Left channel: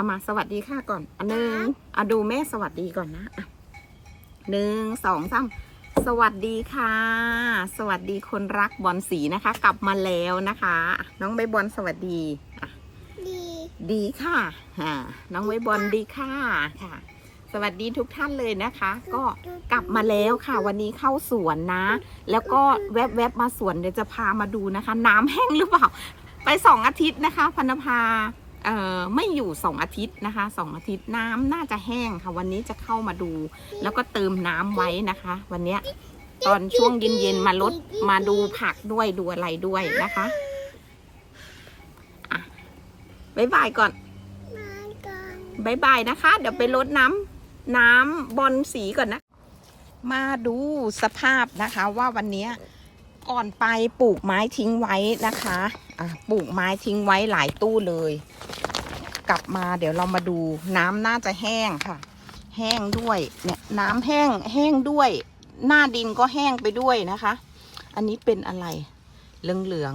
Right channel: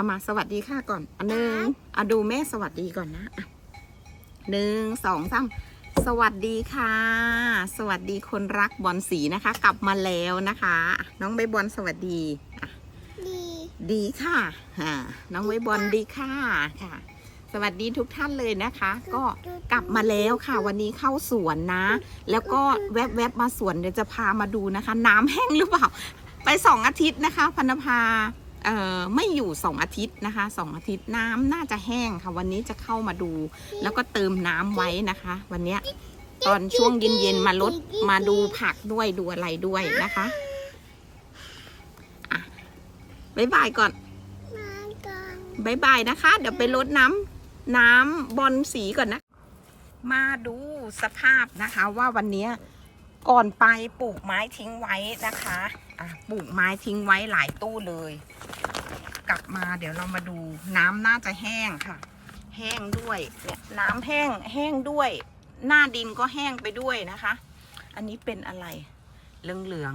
เอามาสวัสดีค่ะก่อนอันหนึ่งอะดูแม่สวัสดีก่อนนะอะหนึ่งสองสามสวัสดีค่ะ สวัสดีคนรักบอลสีนะคะ กลับมาแล้วนะคะอะน้องใบบอลสวัสดีอะดีดีค่ะอ่าน้องใบบอลดีค่ะค่ะ สวัสดีทุกท่านเลยนะคะ ก็กลับมาแล้วค่ะ วันนี้เข้าสวนนะ แล้วก็แวบๆมาสวนเดี๋ยวจะพามาดูนะคะ น้ำแห้งหรือเปล่า ไปสองอาทิตย์นะคะพันธภาเอ่อ ไม่อยู่สองอาทิตย์นะคะสองอาทิตย์น้ำน่าจะแห้งค่ะ วันนี้จะเข้ามาดู แล้วก็เติมน้ำไว้นะคะ วันนี้ตอนช่วงเย็นๆมาลดมาดูผักด้วยดูอะไรด้วยนะคะอะบ๊ายบายก่อนบายบายนะคะ เดี๋ยวไปลดน้ำน้ำบอลสีก่อนนะ มาดูสภาพนะคะว่าวันนี้ ก่อนไปปลูกไม้ทิ้งไว้นะคะอะปลูกไม้ทิ้งไว้หลายตู้เลย กลับมาเดี๋ยวเรามาดูน้ำน่าจะแห้งค่ะ แห้งด้วยเนี่ยน้ำแห้งแห้งด้วย หน้าดินก็แห้งไปด้วยนะคะ อันนี้เป็นอะไร เหลืองเหลือง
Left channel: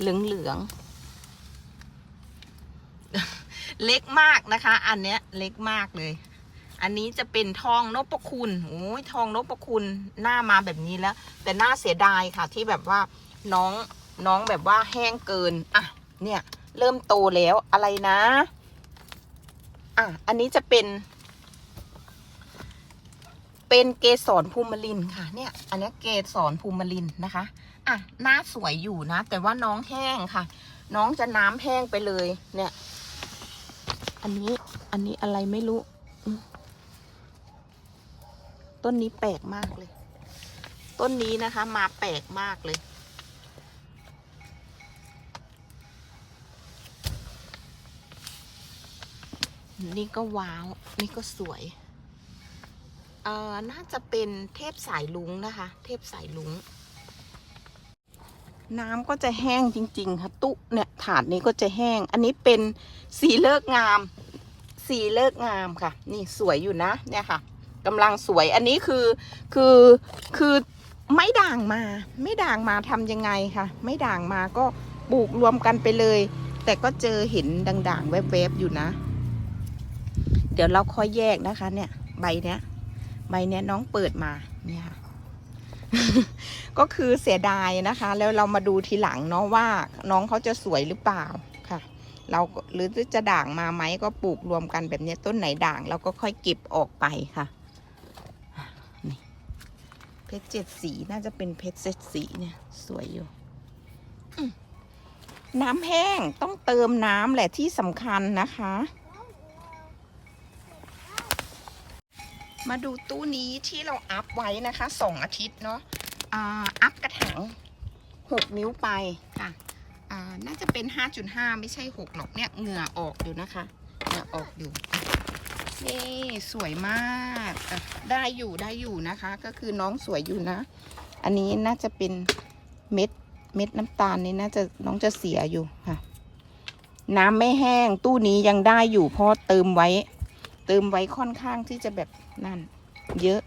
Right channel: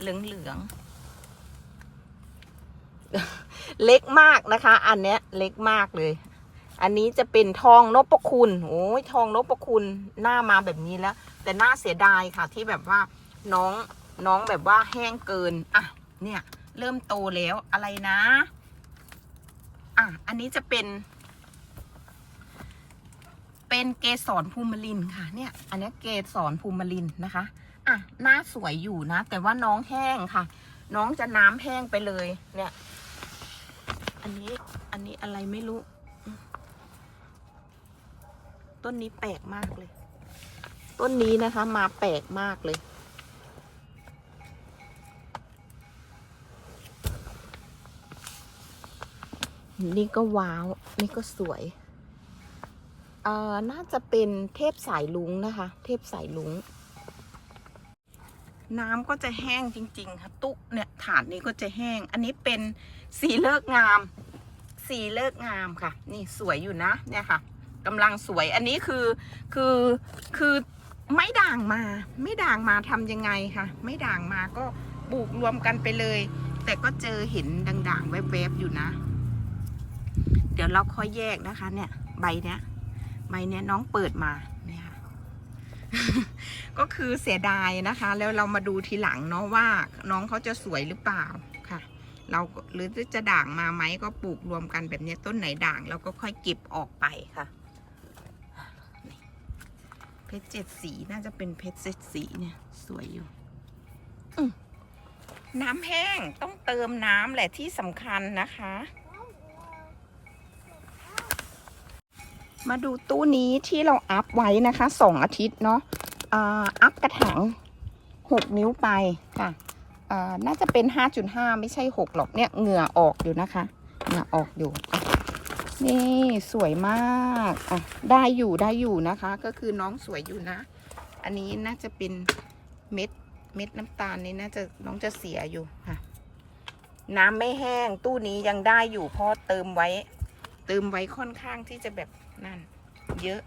เหลืองเหลืองๆเล็กมากนะคะ อันเนี้ยเล็กมากเลย อันนี้จะเป็นทองนพคุณโอ้ยทองนพคุณหน้ามาแบบนี้แล้ว แต่หน่าเสียดายค่ะที่แบบว่าน้องน้องแบบว่าแห้งเกินอะเนี่ยเริ่มโตแล้วอะไรนะอะอันนี้จะเป็น เป็นเกสรภูมิลินค่ะ เนี่ย อันนี้เกสรภูมิลินนะคะอะหน้าสวยอยู่นะ แต่ว่าน้องแห้งค่ะ น้องจะน้ำแห้งไปเลย เนี่ย อันนี้อันนี้อะไรไม่รู้ ต้นนี้แปลกมากเลย ต้นนี้นะคะ มาแปลกมากเลย นี่ก็ว้าว นี่ก็สวย เอ่อ น่าจะเป็นเทพสายลุงนะคะ เทพสายลุง น้ำก็จะแห้งจริง ๆ ค่ะ ตุเนี่ย ถาดนี้ก็จะแห้ง อันนี้เป็นสีเลิกงาม สีเลิกงามค่ะ นี่สวยอยู่นะ เนี่ยค่ะ กำลังสวย อันนี้คือคือคือไม่ด่างมา ไม่ด่างมาทำยังไงคะไม่ด่างมาก็ปลูกรวมกันไปเลย แต่ก็เจอเห็นด่างๆแวบๆอยู่นะ เดี๋ยวเราค่อยแยกนะคะ เนี่ย ใบเนี้ยใบเนี้ยน้องเปิดมาเนี่ยก็คือเสียดายนะคะ แล้วเรามาดูทีหลังเนาะว่าน้องเขาจะสวยหรือเปล่าค่ะ เราหรือจะด่างมาไหมก็ปลูกรวมกันแบบนี้ต้นไหนด่างเราก็ค่อยเก็บออกไปค่ะ ชรเจ็ดสีน่าจะเป็นเพชรเจ็ดสีเนี่ยสวยอยู่น้ำแห้งต้องเติมน้ำแหละที่สำคัญนะคะ มาดูตู้นี้ที่เราอัพไว้นะคะสองอาทิตย์เนาะอัพกระถางหกนิ้วไปค่ะน่าจะเป็นห้าจุดห้าไม่ใช่หกหรอกเนี่ยเหงื่อออกอยู่นะคะเหงื่อออกอยู่ นี่สวยมากอะได้อยู่ได้อยู่นะคะ ก็คือน้องสวยอยู่นะ อันนี้น่าจะเป็นเม็ดเม็ดน้ำตาลนี่น่าจะน้องจะเสียอยู่ค่ะ น้ำไม่แห้งตู้นี้ยังได้อยู่เพราะเติมไว้ เติมไว้ค่อนข้างที่จะแบบนั่น เยอะ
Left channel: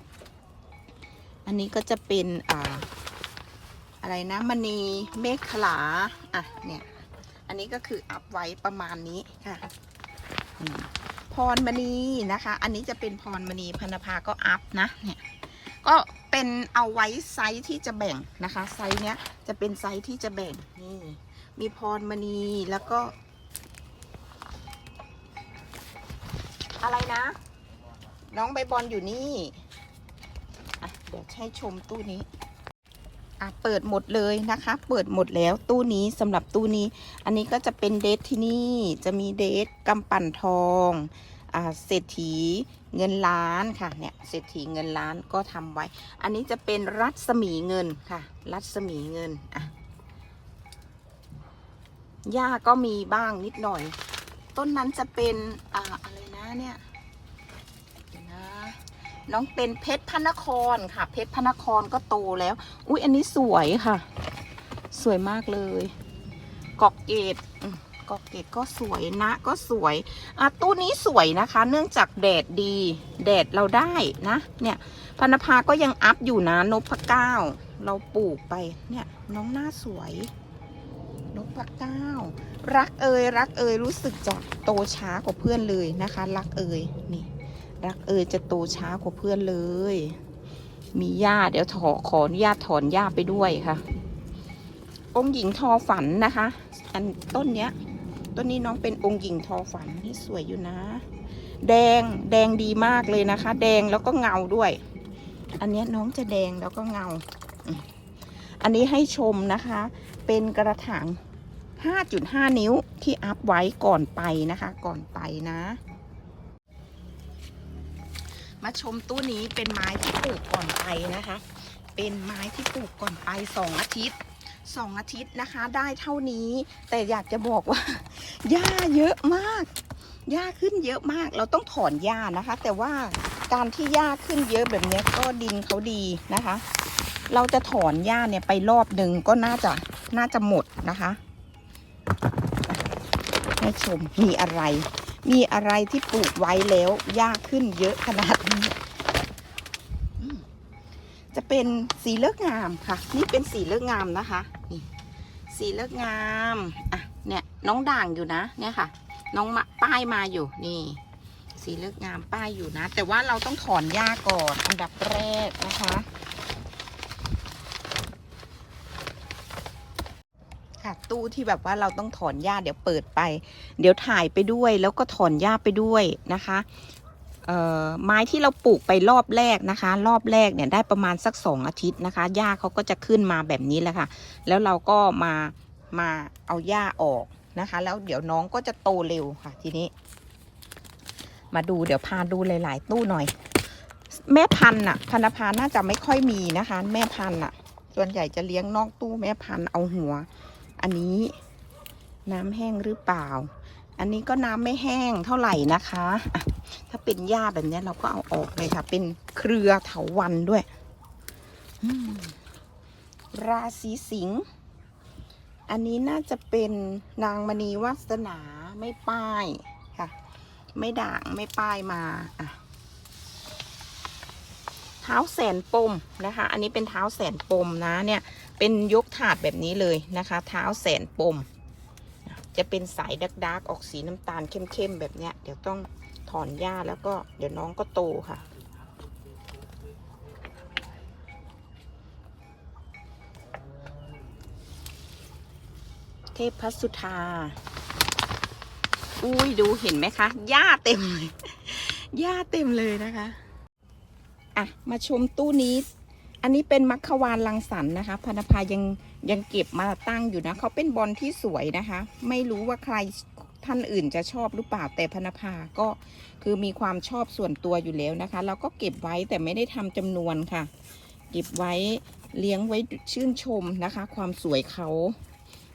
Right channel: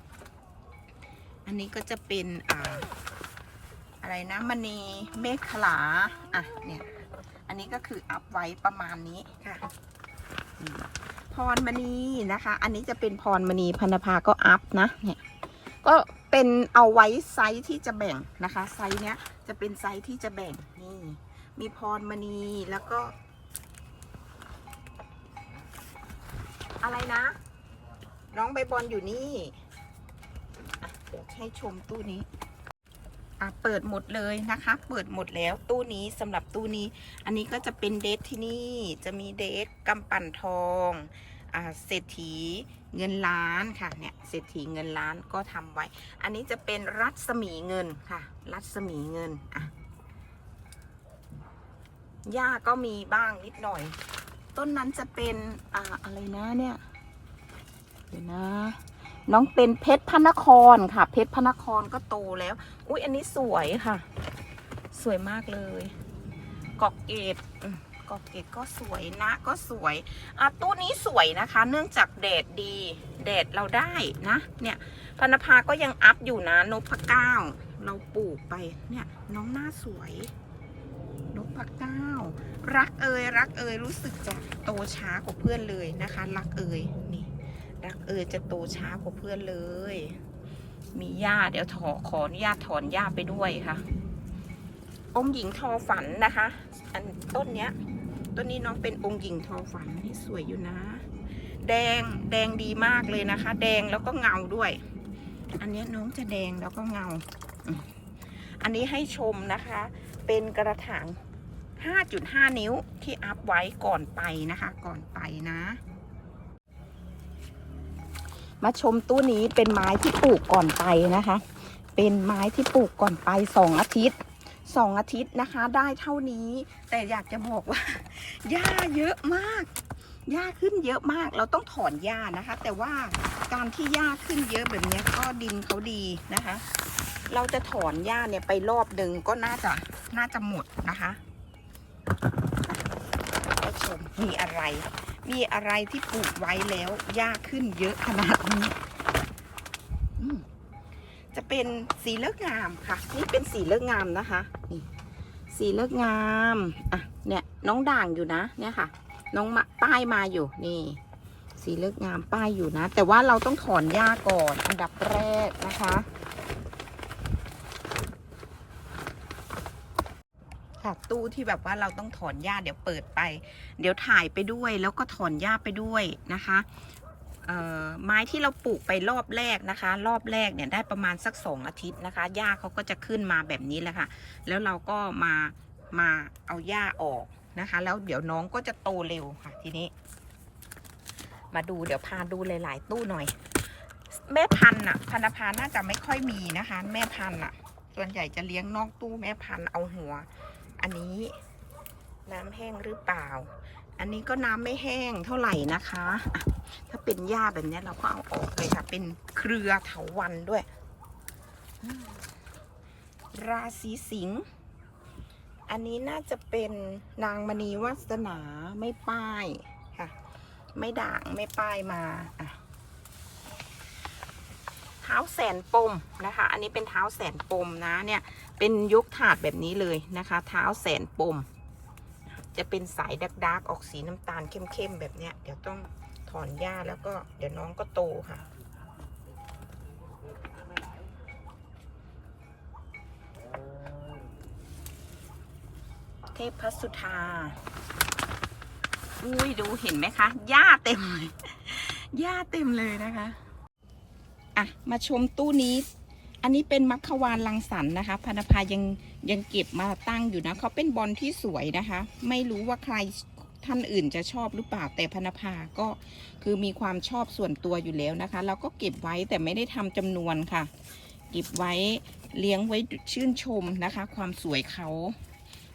อันนี้ก็จะเป็นอ่าอะไรนะมณีเมฆขลาอะเนี่ยอันนี้ก็คืออัพไว้ประมาณนี้ค่ะ พรมณีนะคะ อันนี้จะเป็นพรมณีพันธภาก็อัพนะเนี่ยก็เป็นเอาไว้ไซส์ที่จะแบ่งนะคะ ไซส์เนี้ยจะเป็นไซส์ที่จะแบ่งนี่มีพรมณีแล้วก็ อะไรนะ น้องใบบอลอยู่นี่เดี๋ยวให้ชมตู้นี้ อะเปิดหมดเลยนะคะ เปิดหมดแล้วตู้นี้สำหรับตู้นี้ อันนี้ก็จะเป็นเดทที่นี่จะมีเดทกำปั่นทองอ่าเศรษฐีเงินล้านค่ะเนี่ยเศรษฐีเงินล้านก็ทำไว้ อันนี้จะเป็นรัศมีเงินค่ะ รัศมีเงินอะหญ้าก็มีบ้างนิดหน่อย ต้นนั้นจะเป็นอ่าอะไรนะเนี่ยเดี๋ยวนะ น้องเป็นเพชรพระนครค่ะ เพชรพระนครก็โตแล้ว อุ้ยอันนี้สวยค่ะ สวยมากเลยกอกเกตอืมกอกเกตก็สวยนะก็สวยอะตู้นี้สวยนะคะ เนื่องจากแดดดีแดดเราได้นะ เนี่ยพนภาก็ยังอัพอยู่นะนพเก้าเราปลูกไปเนี่ยน้องหน้าสวยนพเก้า รักเอ่ยรักเอ่ยรู้สึกจะโตช้ากว่าเพื่อนเลยนะคะ รักเอ่ยนี่ รักเอ่ยจะโตช้ากว่าเพื่อนเลย มีหญ้าเดี๋ยวถอขออนุญาตถอนหญ้าไปด้วยค่ะ องค์หญิงทอฝันนะคะ อันต้นเนี้ย ต้นนี้น้องเป็นองค์หญิงทอฝันนี่สวยอยู่นะ แดงแดงดีมากเลยนะคะ แดงแล้วก็เงาด้วย อันเนี้ยน้องจะแดงแล้วก็เงา อันนี้ให้ชมนะคะ เป็นกระถาง5.5 นิ้วที่อัพไว้ก่อนไปนะคะ ก่อนไปนะ มาชมตู้นี้เป็นไม้ที่ปลูกก่อนไปนะคะ เป็นไม้ที่ปลูกก่อนไปสองอาทิตย์สองอาทิตย์นะคะ ได้เท่านี้ แต่อยากจะบอกว่าหญ้าเยอะมากหญ้าขึ้นเยอะมาก เราต้องถอนหญ้านะคะ แต่ว่าการที่หญ้าขึ้นเยอะแบบนี้ก็ดินเขาดีนะคะ เราจะถอนหญ้าเนี่ยไปรอบหนึ่งก็น่าจะน่าจะหมดนะคะให้ชมมีอะไร มีอะไรที่ปลูกไว้แล้วหญ้าขึ้นเยอะขนาดนี้ จะเป็นสีเลือกงามค่ะ นี่เป็นสีเลือกงามนะคะนี่สีเลือกงามอะเนี่ยน้องด่างอยู่นะเนี่ยค่ะ น้องมาป้ายมาอยู่นี่ สีเลือกงามป้ายอยู่นะ แต่ว่าเราต้องถอนหญ้าก่อนอันดับแรกนะคะ ค่ะ ตู้ที่แบบว่าเราต้องถอนหญ้าเดี๋ยวเปิดไป เดี๋ยวถ่ายไปด้วย แล้วก็ถอนหญ้าไปด้วยนะคะเอ่อไม้ที่เราปลูกไปรอบแรกนะคะ รอบแรกเนี่ยได้ประมาณสักสองอาทิตย์นะคะหญ้าเขาก็จะขึ้นมาแบบนี้แหละค่ะ แล้วเราก็มามาเอาหญ้าออกนะคะ แล้วเดี๋ยวน้องก็จะโตเร็วค่ะทีนี้ มาดูเดี๋ยวพาดูหลาย ๆ ตู้หน่อย แม่พันธุ์น่ะพันธพาน่าจะไม่ค่อยมีนะคะ แม่พันธุ์น่ะส่วนใหญ่จะเลี้ยงนอกตู้แม่พันธุ์เอาหัว อันนี้น้ำแห้งหรือเปล่า อันนี้ก็น้ำไม่แห้งเท่าไหร่นะคะะถ้าเป็นหญ้าแบบนี้เราก็เอาออกเลยค่ะ เป็นเครือเถาวันด้วย ราศีสิงห์ อันนี้น่าจะเป็นนางมณีวาสนาไม่ป้ายค่ะ ไม่ด่างไม่ป้ายมาอะเท้าแสนปมนะคะ อันนี้เป็นเท้าแสนปมนะเนี่ย เป็นยกถาดแบบนี้เลยนะคะ เท้าแสนปม จะเป็นสายดักดักออกสีน้ำตาลเข้มๆแบบเนี้ย เดี๋ยวต้องถอนหญ้าแล้วก็เดี๋ยวน้องก็โตค่ะเทพพัสุธา อุ้ยดูเห็นไหมคะ หญ้าเต็มเลย หญ้าเต็มเลยนะคะ อะ มาชมตู้นี้ อันนี้เป็นมัคควานลังสรรนะคะพนภายังยังเก็บมาตั้งอยู่นะเขาเป็นบอลที่สวยนะคะ ไม่รู้ว่าใครท่านอื่นจะชอบหรือเปล่าแต่พนภาก็คือมีความชอบส่วนตัวอยู่แล้วนะคะเราก็เก็บไว้แต่ไม่ได้ทำจำนวนค่ะ เก็บไว้เลี้ยงไว้ชื่นชมนะคะ ความสวยเขา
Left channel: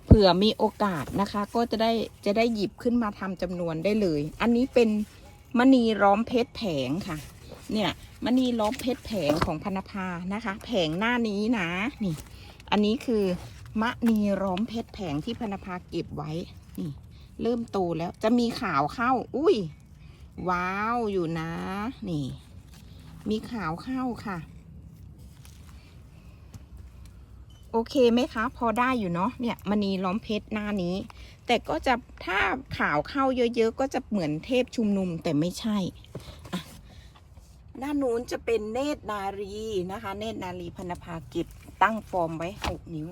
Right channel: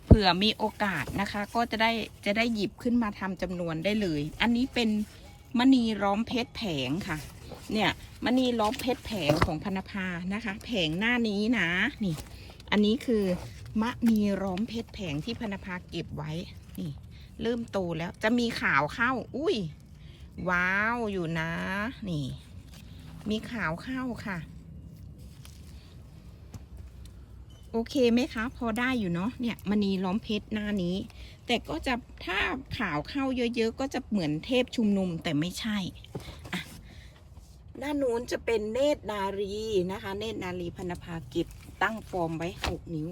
เผื่อมีโอกาสนะคะ ก็จะได้จะได้หยิบขึ้นมาทำจำนวนได้เลย อันนี้เป็นมณีร้อมเพชรแผงค่ะ เนี่ย มณีล้อมเพชรแผงของพนภานะคะ แผงหน้านี้นะนี่ อันนี้คือมณีร้อมเพชรแผงที่พนภาเก็บไว้นี่ เริ่มโตแล้วจะมีขาวเข้า อุ้ยว้าวอยู่นะ นี่ มีขาวเข้าค่ะ โอเคไหมคะ พอได้อยู่เนาะเนี่ยมณีล้อมเพชรหน้านี้ แต่ก็จะถ้าขาวเข้าเยอะๆ ก็จะเหมือนเทพชุมนุมแต่ไม่ใช่อะ ด้านนู้นจะเป็นเนตรนารีนะคะ เนตรนารีพนภากิจตั้งฟอร์มไว้หกนิ้ว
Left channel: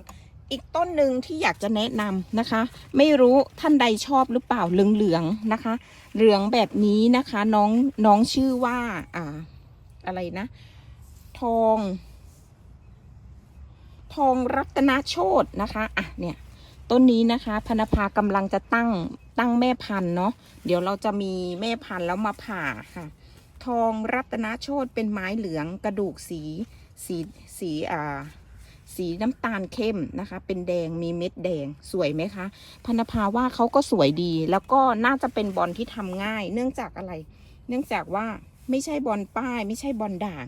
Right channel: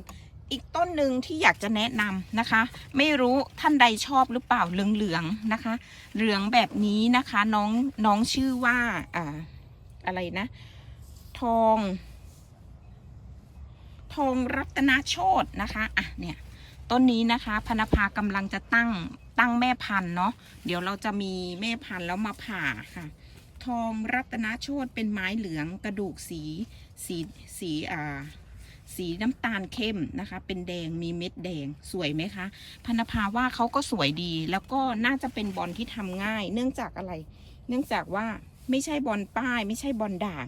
อีกต้นหนึ่งที่อยากจะแนะนำนะคะ ไม่รู้ท่านใดชอบหรือเปล่าเหลืองๆนะคะ เหลืองแบบนี้นะคะน้องน้องชื่อว่าอ่าอะไรนะ ทอง ทองรัตนโชตนะคะอะเนี่ยต้นนี้นะคะพนภากำลังจะตั้งตั้งแม่พันธุ์เนาะเดี๋ยวเราจะมีแม่พันธุ์แล้วมาผ่าค่ะ ทองรัตนโชตเป็นไม้เหลืองกระดูกสีสีสีอ่าสีน้ำตาลเข้มนะคะ เป็นแดงมีเม็ดแดงสวยไหมคะพนภาว่าเขาก็สวยดี แล้วก็น่าจะเป็นบอลที่ทำง่าย เนื่องจากอะไร เนื่องจากว่าไม่ใช่บอลป้าย ไม่ใช่บอลด่าง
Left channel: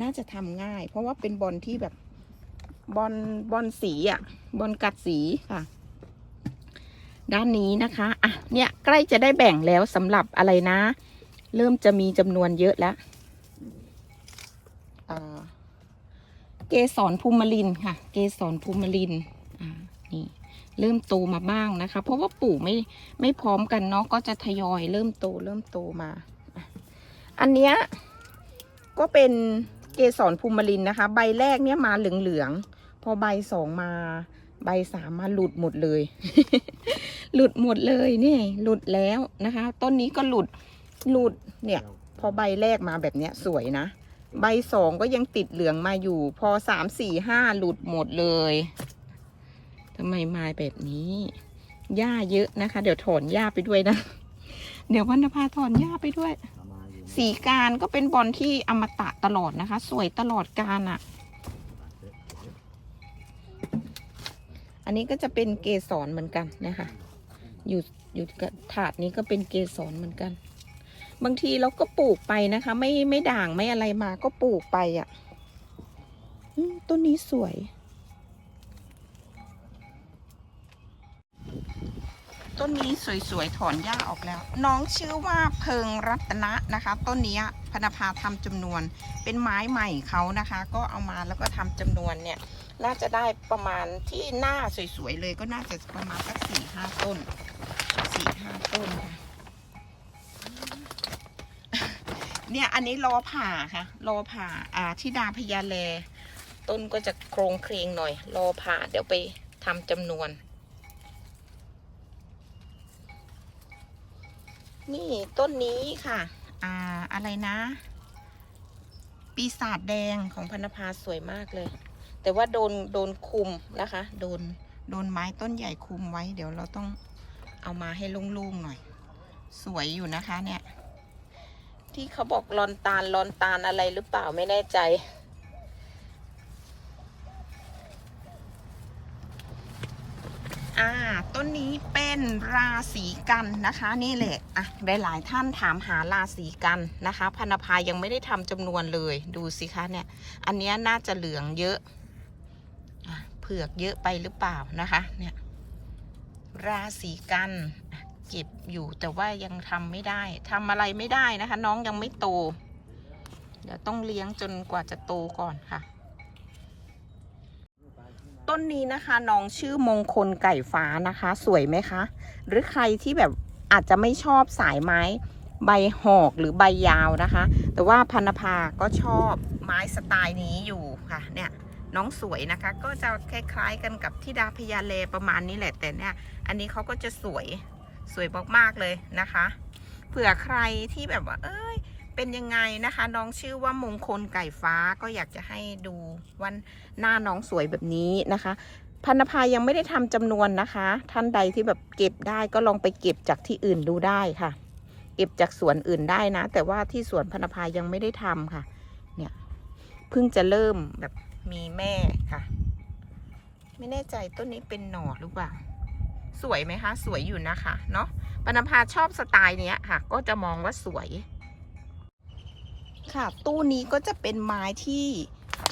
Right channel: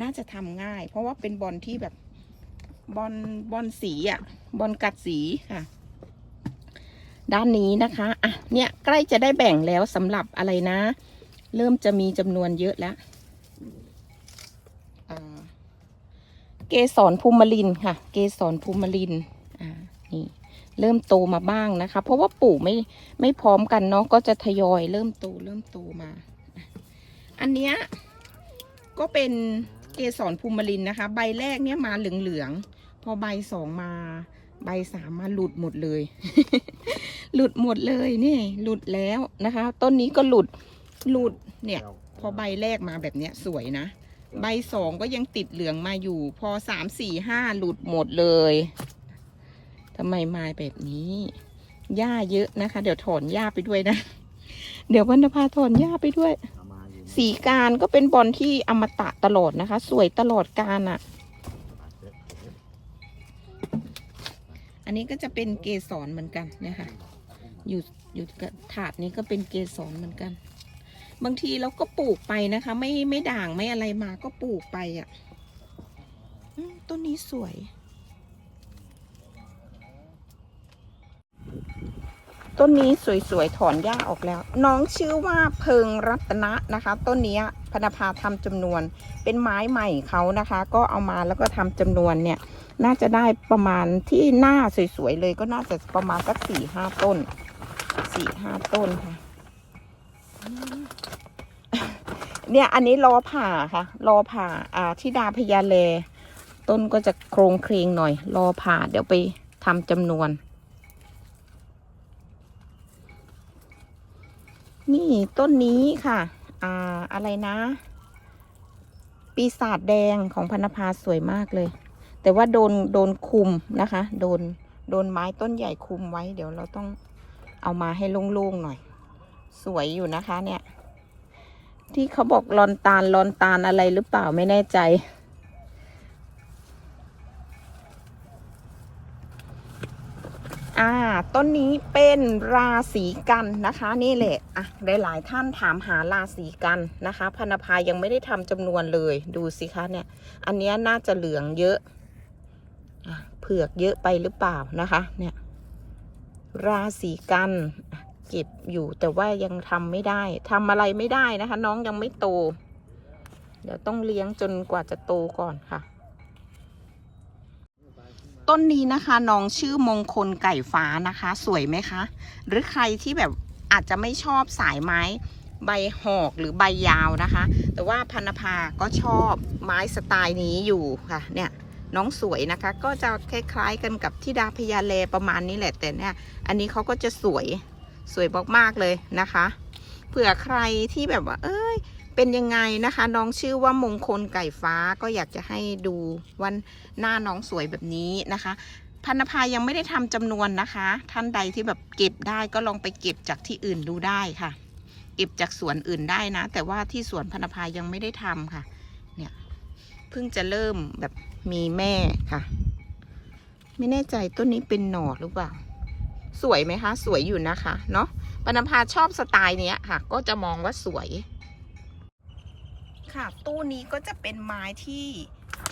น่าจะทำง่าย เพราะว่าเป็นบอลที่แบบบอลบอลสีอะบอลกัดสีค่ะ ด้านนี้นะคะอะเนี่ยใกล้จะได้แบ่งแล้วสำหรับอะไรนะ เริ่มจะมีจำนวนเยอะแล้วอ่าเกสรภูมิลินค่ะ เกสรภูมิลินอ่านี่เริ่มโตมาบ้างนะคะ เพราะว่าปลูกไม่ไม่พร้อมกันเนาะก็จะทยอยเริ่มโตเริ่มโตมาอะอันเนี้ยก็เป็นเกสรภูมิลินนะคะ ใบแรกเนี่ยมาเหลืองๆพอใบสองมา ใบสามมาหลุดหมดเลย หลุดหมดเลยนี่หลุดแล้วนะคะ ต้นนี้ก็หลุด หลุดเนี่ย พอใบแรกมาแบบเนี้ยสวยนะ ใบสองก็ยังติดเหลืองมาอยู่ พอสามสี่ห้าหลุดหมดเลยทำไมมาแบบนี้ หญ้าเยอะนะคะ เดี๋ยวถอนหญ้าไปด้วยนะ เดี๋ยววันนภาถอนหญ้าไปด้วยเอามาอยู่สีการก็เป็นบอลที่อมตะตลอดนะคะ สวยตลอดการอะ่ะ อันนี้ก็จะเป็นเกสรเหมือนกันนะคะ อยู่อยู่กับถาดนี้ก็เป็นเกสรเหมือนกัน บางทีเราก็ปลูกไปนะคะ ไม่ไม่ด่างไม่อะไรมาก็ปลูกไปอะ่ะต้นนี้สวย ต้นนี้สวยๆ ถอนหญ้าออกแล้ว น้องชื่อว่าเพิงรัตนะนะคะ ต้นนี้พนภาทำจำนวน เป็นไม้ใหม่เขานะคะ ก็เอามาแล้วก็ทำจำนวนเนี่ย น่าจะได้ประมาณที่หน้าสวยๆ เลยก็น่าจะประมาณสักสี่ห้าต้นสี่ห้าต้นค่ะ เนี่ยอันนี้รอผ่าค่ะรอผ่า อ่าที่ดาพญาเล ต้นก็จะโครงเคลงหน่อยรอผ่า เดี๋ยวไปทำจำนวน นี่ต้นนี้ค่ะ อ่าอะไรนะ ปีศาจแดงของพนภาสวยมากเลย แต่ว่าโดนโดนคุมนะคะ โดนโดนไม้ต้นใหญ่คุมไว้ เดี๋ยวเราต้องเอามาให้โล่งๆหน่อย สวยอยู่นะคะเนี่ย ที่เขาบอกลอนตาลลอนตาลอะไรหรือเปล่าไม่แน่ใจ อ่า ต้นนี้เป็นราศีกันนะคะ นี่แหละ อะ หลาย ๆ ท่านถามหาราศีกันนะคะ พนภายังไม่ได้ทำจำนวนเลย ดูสิคะเนี่ย อันนี้น่าจะเหลืองเยอะอะเผือกเยอะไปหรือเปล่านะคะ เนี่ย ราศีกันเก็บอยู่แต่ว่ายังทำไม่ได้ทำอะไรไม่ได้นะคะ น้องยังไม่โต เดี๋ยวต้องเลี้ยงจนกว่าจะโตก่อนค่ะ ต้นนี้นะคะน้องชื่อมงคลไก่ฟ้านะคะ สวยไหมคะ หรือใครที่แบบอาจจะไม่ชอบสายไม้ ใบหอกหรือใบยาวนะคะ แต่ว่าพันภาก็ชอบไม้สไตล์นี้อยู่ค่ะ เนี่ยน้องสวยนะคะ ก็จะคล้ายๆกันกับที่ดาพญาเลประมาณนี้แหละแต่เนี่ย อันนี้เขาก็จะสวย สวยมากๆเลยนะคะ เผื่อใครที่แบบว่า เอ้ย เป็นยังไงนะคะ น้องชื่อว่ามงคลไก่ฟ้าก็อยากจะให้ดูวันหน้าน้องสวยแบบนี้นะคะ พันธภายังไม่ได้ทำจำนวนนะคะ ท่านใดที่แบบเก็บได้ก็ลองไปเก็บจากที่อื่นดูได้ค่ะ เก็บจากสวนอื่นได้นะ แต่ว่าที่สวนพันธภายังไม่ได้ทำค่ะ เนี่ยเพิ่งจะเริ่มแบบมีแม่ค่ะ ไม่แน่ใจต้นนี้เป็นหน่อหรือเปล่า สวยไหมคะ สวยอยู่นะคะเนาะปนภาชอบสไตล์เนี้ยค่ะ ก็จะมองว่าสวย ค่ะ ตู้นี้ก็จะเป็นไม้ที่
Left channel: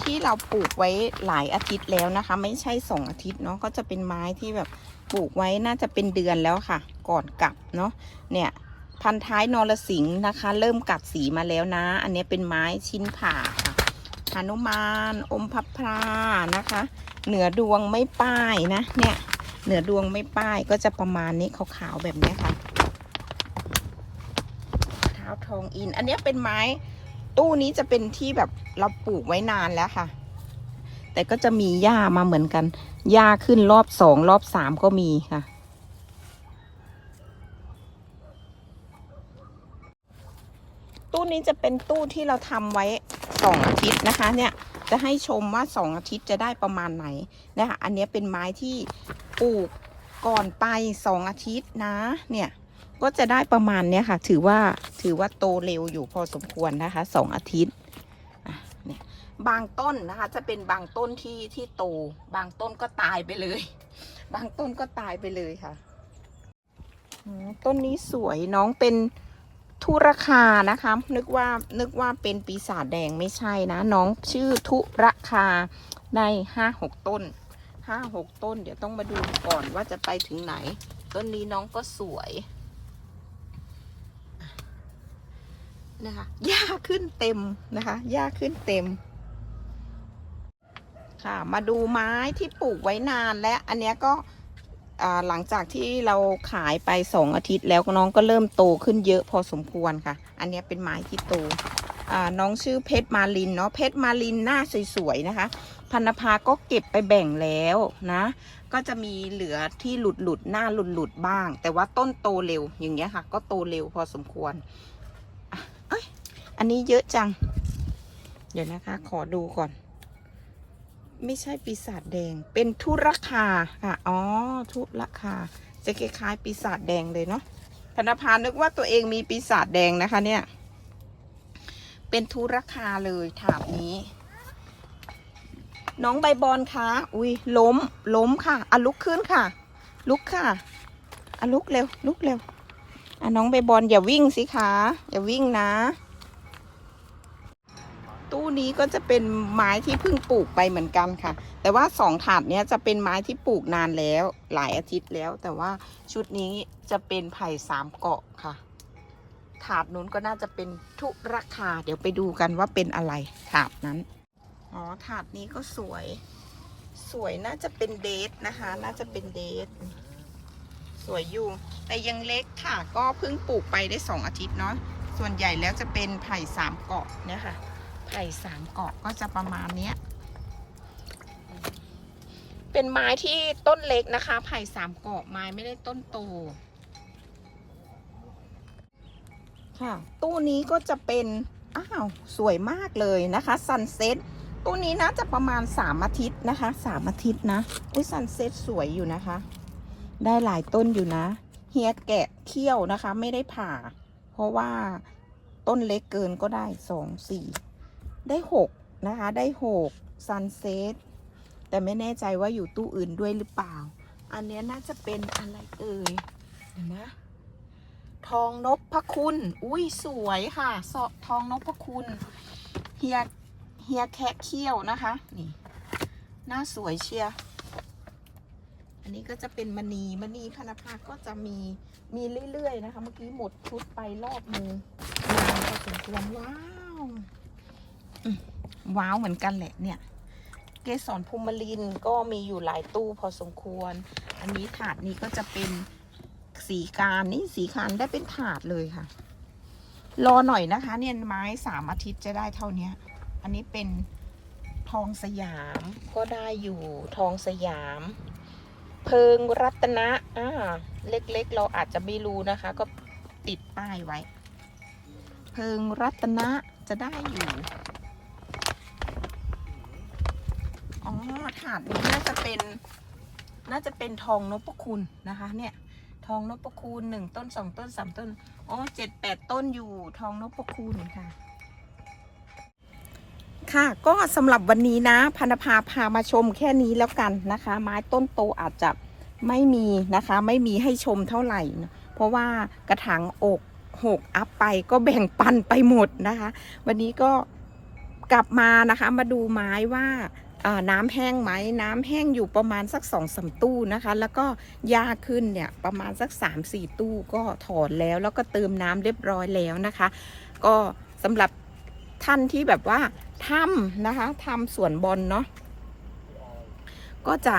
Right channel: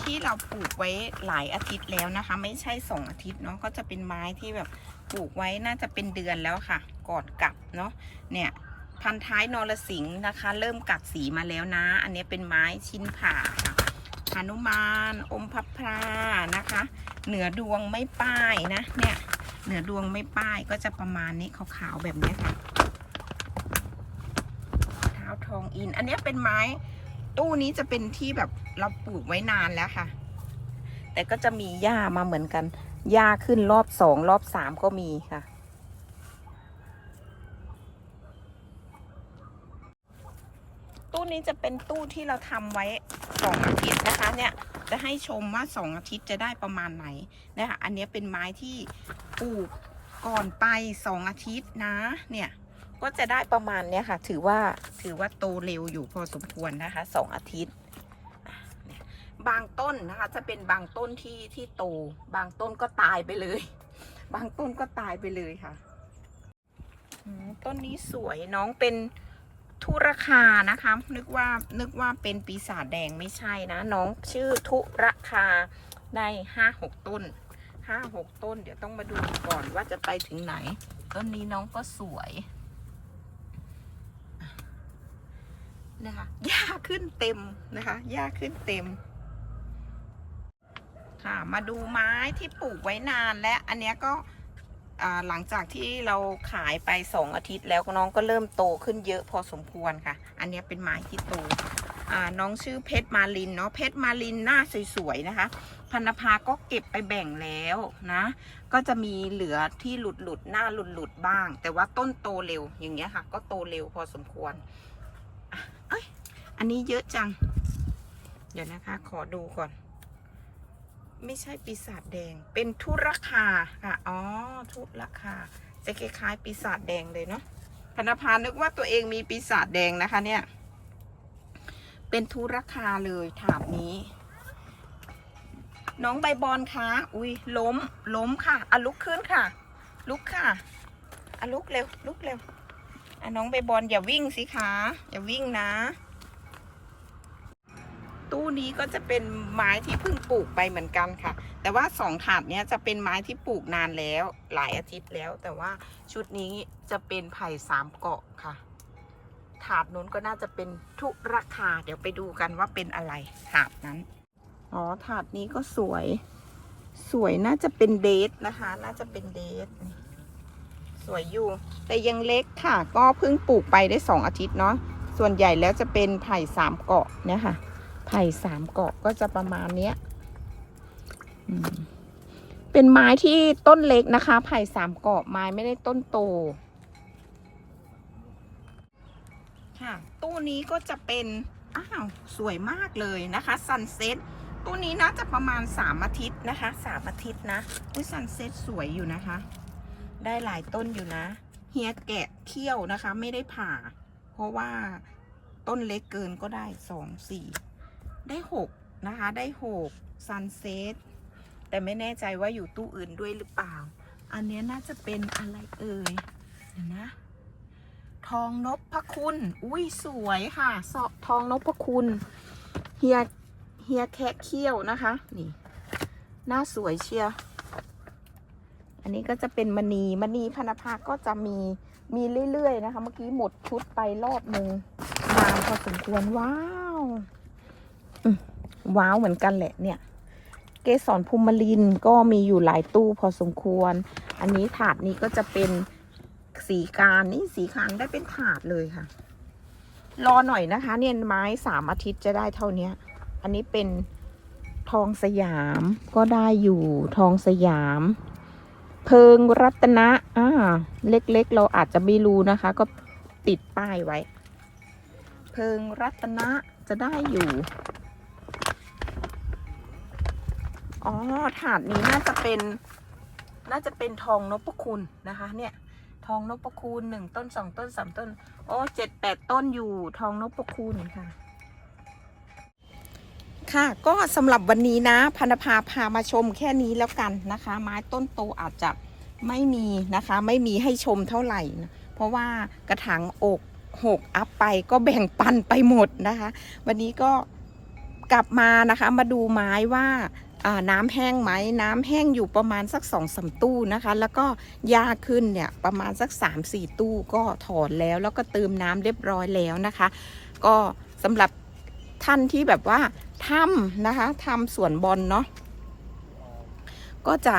ที่เราปลูกไว้หลายอาทิตย์แล้วนะคะ ไม่ใช่สองอาทิตย์เนาะก็จะเป็นไม้ที่แบบปลูกไว้น่าจะเป็นเดือนแล้วค่ะ ก่อนกลับเนาะเนี่ยพันท้ายนรสิงห์นะคะ เริ่มกัดสีมาแล้วนะ อันนี้เป็นไม้ชิ้นผ่าค่ะหนุมาน อมพับพรานะคะ เหนือดวงไม่ป้ายนะเนี่ย เหนือดวงไม่ป้ายก็จะประมาณนี้ขาวๆแบบนี้ค่ะเท้าทองอิน อันนี้เป็นไม้ ตู้นี้จะเป็นที่แบบเราปลูกไว้นานแล้วค่ะ แต่ก็จะมีหญ้ามาเหมือนกันหญ้าขึ้นรอบสองรอบสามก็มีค่ะตู้นี้จะเป็นตู้ที่เราทำไว้สองอาทิตย์นะคะ เนี่ยจะให้ชมว่าสองอาทิตย์จะได้ประมาณไหนนะคะอันนี้เป็นไม้ที่ ปลูกก่อนไปสองอาทิตย์นะ เนี่ยก็จะได้ประมาณเนี้ยค่ะ ถือว่าถือว่าโตเร็วอยู่พอสมควรนะคะสองอาทิตย์เนี่ยบางต้นนะคะ จะเป็นบางต้นที่ที่โต บางต้นก็ตายไปเลย บางต้นก็ตายไปเลยค่ะต้นนี้สวยน้องเป็นทุรคานะคะ นึกว่านึกว่าเป็นปีศาจแดงไม่ใช่นะ น้องชื่อทุรคาในห้าหกต้น ห้าหกต้น เดี๋ยวต้องมาดูก่อนว่าจะไปถึงไหน ต้นนี้น้องก็สวยนะคะหญ้าขึ้นเต็มนะคะหญ้าขึ้นเต็ม ค่ะ มาดูไม้ที่ปลูกไว้นานและอันเนี้ยก็หลังจากที่เราขายไปสองอาทิตย์แล้วน้องก็เริ่มโตขึ้นเยอะพอสมควรค่ะ อันนี้เป็นไม้ที่โต น้องชื่อเพชรมาลินเนาะเพชรมาลินหน้าสวยๆนะคะ พันภาก็เก็บไปแบ่งแล้วนะ ก็จะมีเหลือที่หลุดหลุดๆหน้าหลุดหลุดๆบ้าง แต่ว่าต้นโตเร็วอย่างเงี้ยค่ะ ก็โตเร็วพอสมควรเอ้ยอันนี้เยอะจัง เดี๋ยวนะคะ ขอดูก่อน ไม่ใช่ปีศาจแดง เป็นทุรคาค่ะอ๋อทุรคาจะคล้ายๆปีศาจแดงเลยเนาะพนภานึกว่าตัวเองมีปีศาจแดงนะคะเนี่ย เป็นทุรคาเลยถาบนี้ น้องใบบอลคะอุ้ยล้มล้มค่ะอะลุกขึ้นค่ะ ลุกค่ะอะลุกเร็วลุกเร็วอะน้องใบบอลอย่าวิ่งสิคะอย่าวิ่งนะ ตู้นี้ก็จะเป็นไม้ที่เพิ่งปลูกไปเหมือนกันค่ะ แต่ว่าสองถาดเนี้ยจะเป็นไม้ที่ปลูกนานแล้ว หลายอาทิตย์แล้ว แต่ว่าชุดนี้จะเป็นไผ่สามเกาะค่ะ ถาดนู้นก็น่าจะเป็นทุราคา เดี๋ยวไปดูกันว่าเป็นอะไรถาดนั้น อ๋อถาดนี้ก็สวย สวยน่าจะเป็นเดทนะคะ น่าจะเป็นเดทสวยอยู่ แต่ยังเล็กค่ะ ก็เพิ่งปลูกไปได้สองอาทิตย์เนาะส่วนใหญ่แล้วจะเป็นไผ่สามเกาะนะคะไผ่สามเกาะก็จะประมาณเนี้ยเป็นไม้ที่ต้นเล็กนะคะ ไผ่สามเกาะไม้ไม่ได้ต้นโต ค่ะ ตู้นี้ก็จะเป็น อ้าว สวยมากเลยนะคะซันเซ็ตตู้นี้น่าจะประมาณสามอาทิตย์นะคะสามอาทิตย์นะ อุ้ยซันเซ็ตสวยอยู่นะคะ ได้หลายต้นอยู่นะ เฮียแกะเขี้ยวนะคะ ไม่ได้ผ่า เพราะว่าต้นเล็กเกินก็ได้สองสี่ได้หกนะคะ ได้หกซันเซ็ตแต่ไม่แน่ใจว่าอยู่ตู้อื่นด้วยหรือเปล่า อันเนี้ยน่าจะเป็นอะไรเอ่ยเดี๋ยวนะ ทองนพคุณ อุ้ยสวยค่ะสอทองนพคุณเฮียเฮียแคะเขี้ยวนะคะ นี่หน้าสวยเชียร์อันนี้ก็จะเป็นมณีมณีพนภาก็จะมีมีเรื่อยๆนะคะ เมื่อกี้หมดชุดไปรอบหนึ่งนานพอสมควรว้าวว้าวเหมือนกันแหละเนี่ย เกสรภูมิลินก็มีอยู่หลายตู้พอสมควร อันนี้ถาดนี้ก็จะเป็น สีการนี่สีการได้เป็นถาดเลยค่ะ รอหน่อยนะคะ เนี่ยไม้สามอาทิตย์จะได้เท่านี้อันนี้เป็นทองสยามก็ได้อยู่ทองสยาม เพิงรัตนะอ่าเล็กๆเราอาจจะไม่รู้นะคะ ก็ติดป้ายไว้ เพิงรัตนะจะได้อยู่อ๋อถาดนี้น่าจะเป็น น่าจะเป็นทองนพคุณนะคะ เนี่ย องนพคุณหนึ่งต้นสองต้นสามต้น โอ้เจ็ดแปดต้นอยู่ทองนพคุณค่ะ ค่ะก็สำหรับวันนี้นะพันธภาพามาชมแค่นี้แล้วกันนะคะ ไม้ต้นโตอาจจะไม่มีนะคะ ไม่มีให้ชมเท่าไหร่ เพราะว่ากระถางอกหกอัพไปก็แบ่งปันไปหมดนะคะ วันนี้ก็กลับมานะคะมาดูไม้ว่า น้ำแห้งไหมน้ำแห้งอยู่ประมาณสักสองสามตู้นะคะ แล้วก็หญ้าขึ้นเนี่ยประมาณสักสามสี่ตู้ก็ถอนแล้ว แล้วก็เติมน้ำเรียบร้อยแล้วนะคะ ก็สำหรับท่านที่แบบว่าทำนะคะทำสวนบอลเนาะก็จะ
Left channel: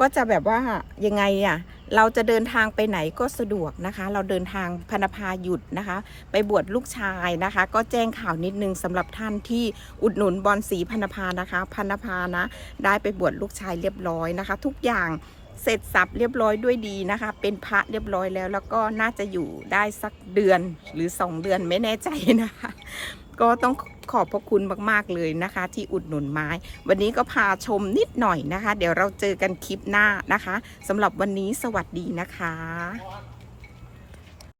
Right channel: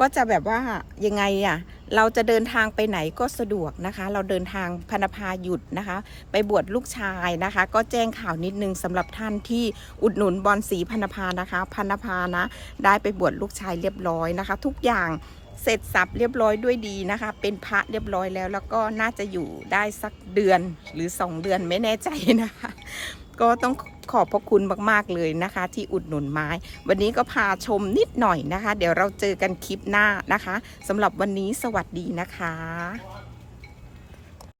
ก็จะแบบว่ายังไงอะ่ะเราจะเดินทางไปไหนก็สะดวกนะคะ เราเดินทางพนภาหยุดนะคะ ไปบวชลูกชายนะคะ ก็แจ้งข่าวนิดนึงสำหรับท่านที่อุดหนุนบอลสีพนภานะคะพนภานะ ได้ไปบวชลูกชายเรียบร้อยนะคะ ทุกอย่าง เสร็จสับเรียบร้อยด้วยดีนะคะ เป็นพระเรียบร้อยแล้ว แล้วก็น่าจะอยู่ได้สักเดือนหรือ 2 เดือนไม่แน่ใจนะคะ ก็ต้องขอบพระคุณมากๆเลยนะคะ ที่อุดหนุนไม้ วันนี้ก็พาชมนิดหน่อยนะคะ เดี๋ยวเราเจอกันคลิปหน้านะคะสำหรับวันนี้สวัสดีนะคะ